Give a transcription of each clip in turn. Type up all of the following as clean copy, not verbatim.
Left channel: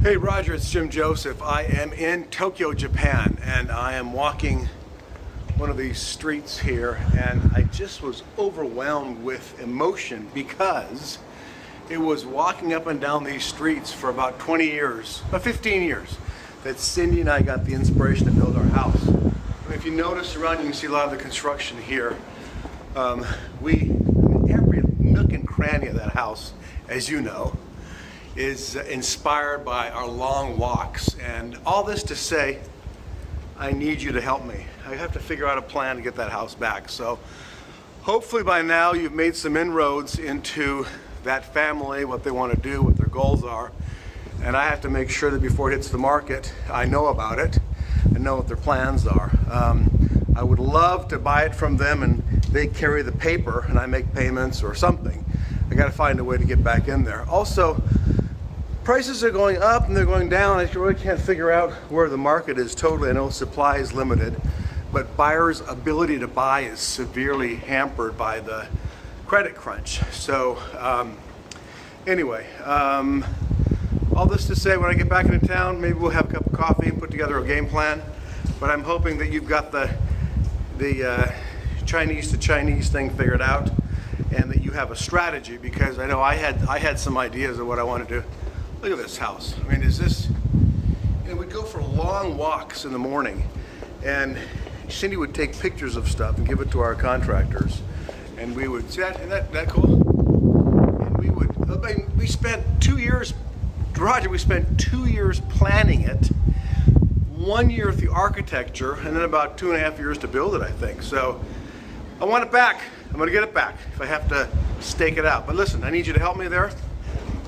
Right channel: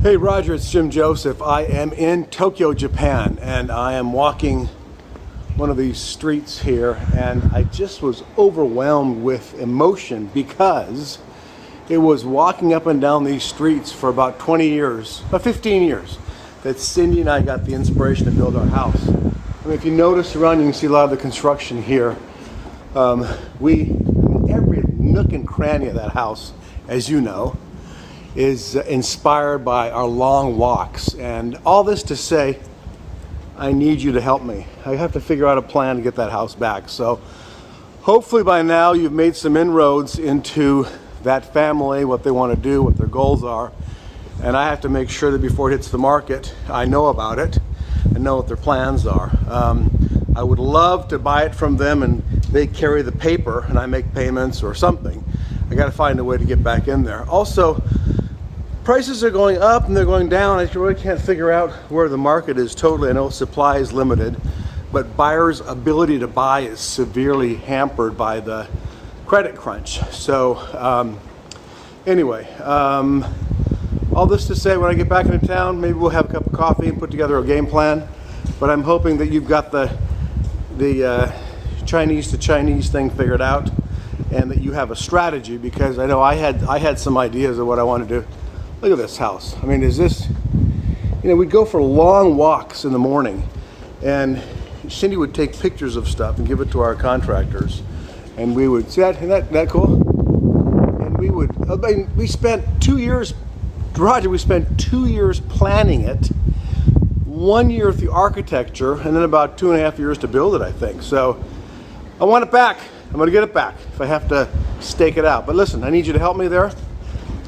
Hey Roger, it's Jim Joseph. I am in Tokyo, Japan, and I am walking one of these streets here, and I just was overwhelmed with emotion because it was walking up and down these streets for about 20 years, about 15 years, that Cindy and I got the inspiration to build our house. I mean, if you notice around, you can see a lot of the construction here. Every nook and cranny of that house, as you know, is inspired by our long walks. And all this to say, I need you to help me. I have to figure out a plan to get that house back. So hopefully by now you've made some inroads into that family, what they want to do, what their goals are. And I have to make sure that before it hits the market, I know about it and know what their plans are. I would love to buy it from them and they carry the paper and I make payments or something. I got to find a way to get back in there. Also, prices are going up and they're going down. I really can't figure out where the market is totally. I know supply is limited, but buyers' ability to buy is severely hampered by the credit crunch. So anyway, all this to say, when I get back into town, maybe we'll have a cup of coffee and put together a game plan. But I'm hoping that you've got the Chinese to Chinese thing figured out, and that you have a strategy, because I know I had some ideas of what I want to do. Look at this house. I mean, is this, we'd go for long walks in the morning, and Cindy would take pictures of stuff and give it to our contractors, and we would, isn't that cool? And we spent 2 years, Roger, we spent 2 years planning it, 1 year with the architecture, and then about 2.5 years to build it, I think. So I want it back. I'm going to get it back if I have to stake it out. But listen, I need you to help me there.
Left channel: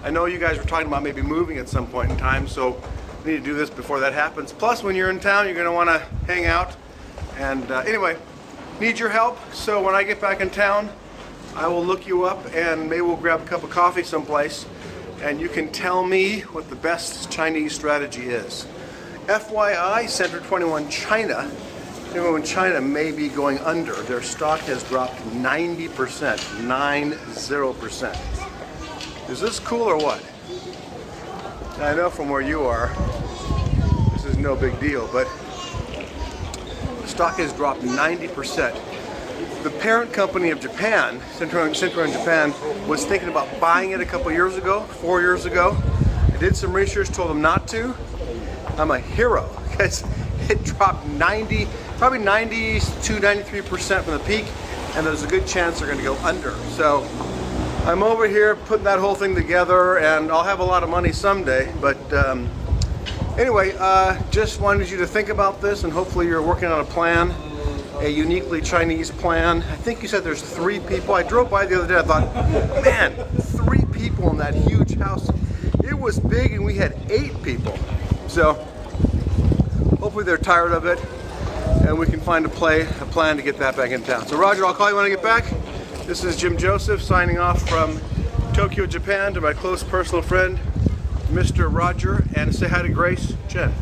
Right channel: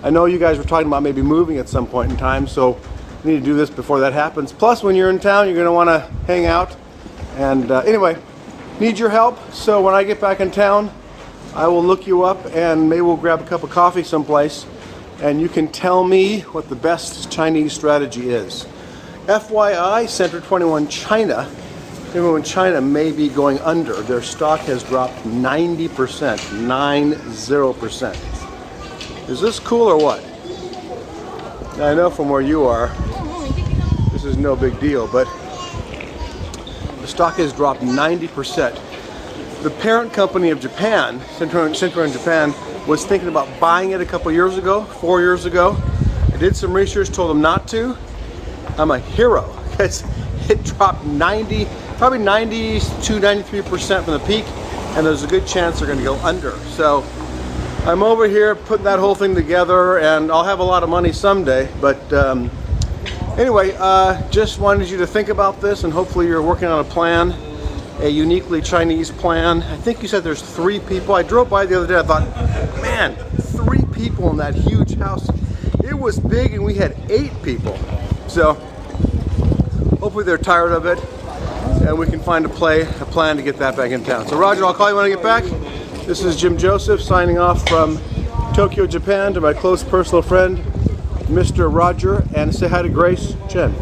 I know you guys were talking about maybe moving at some point in time, so we need to do this before that happens. Plus, when you're in town, you're going to want to hang out. And anyway, need your help. So when I get back in town, I will look you up and maybe we'll grab a cup of coffee someplace and you can tell me what the best Chinese strategy is. FYI, Center 21 China, everyone in China may be going under. Their stock has dropped 90%, 90%. Is this cool or what? Now, I know from where you are, this is no big deal, but the stock has dropped 90%. The parent company of Japan, Center in Japan, was thinking about buying it a couple years ago, 4 years ago. I did some research, told them not to. I'm a hero because it dropped probably 92, 93% from the peak, and there's a good chance they're going to go under. So I'm over here putting that whole thing together, and I'll have a lot of money someday. But anyway, just wanted you to think about this, and hopefully you're working on a plan, a uniquely Chinese plan. I think you said there's 3 people. I drove by the other day, I thought, man, 3 people in that huge house. It was big, and we had 8 people. So hopefully they're tired of it, and we can find a plan to get that back in town. So Roger, I'll call you when I get back. This is Jim Joseph signing off from Tokyo, Japan, to my close personal friend, Mr. Roger, and say hi to Grace Shin.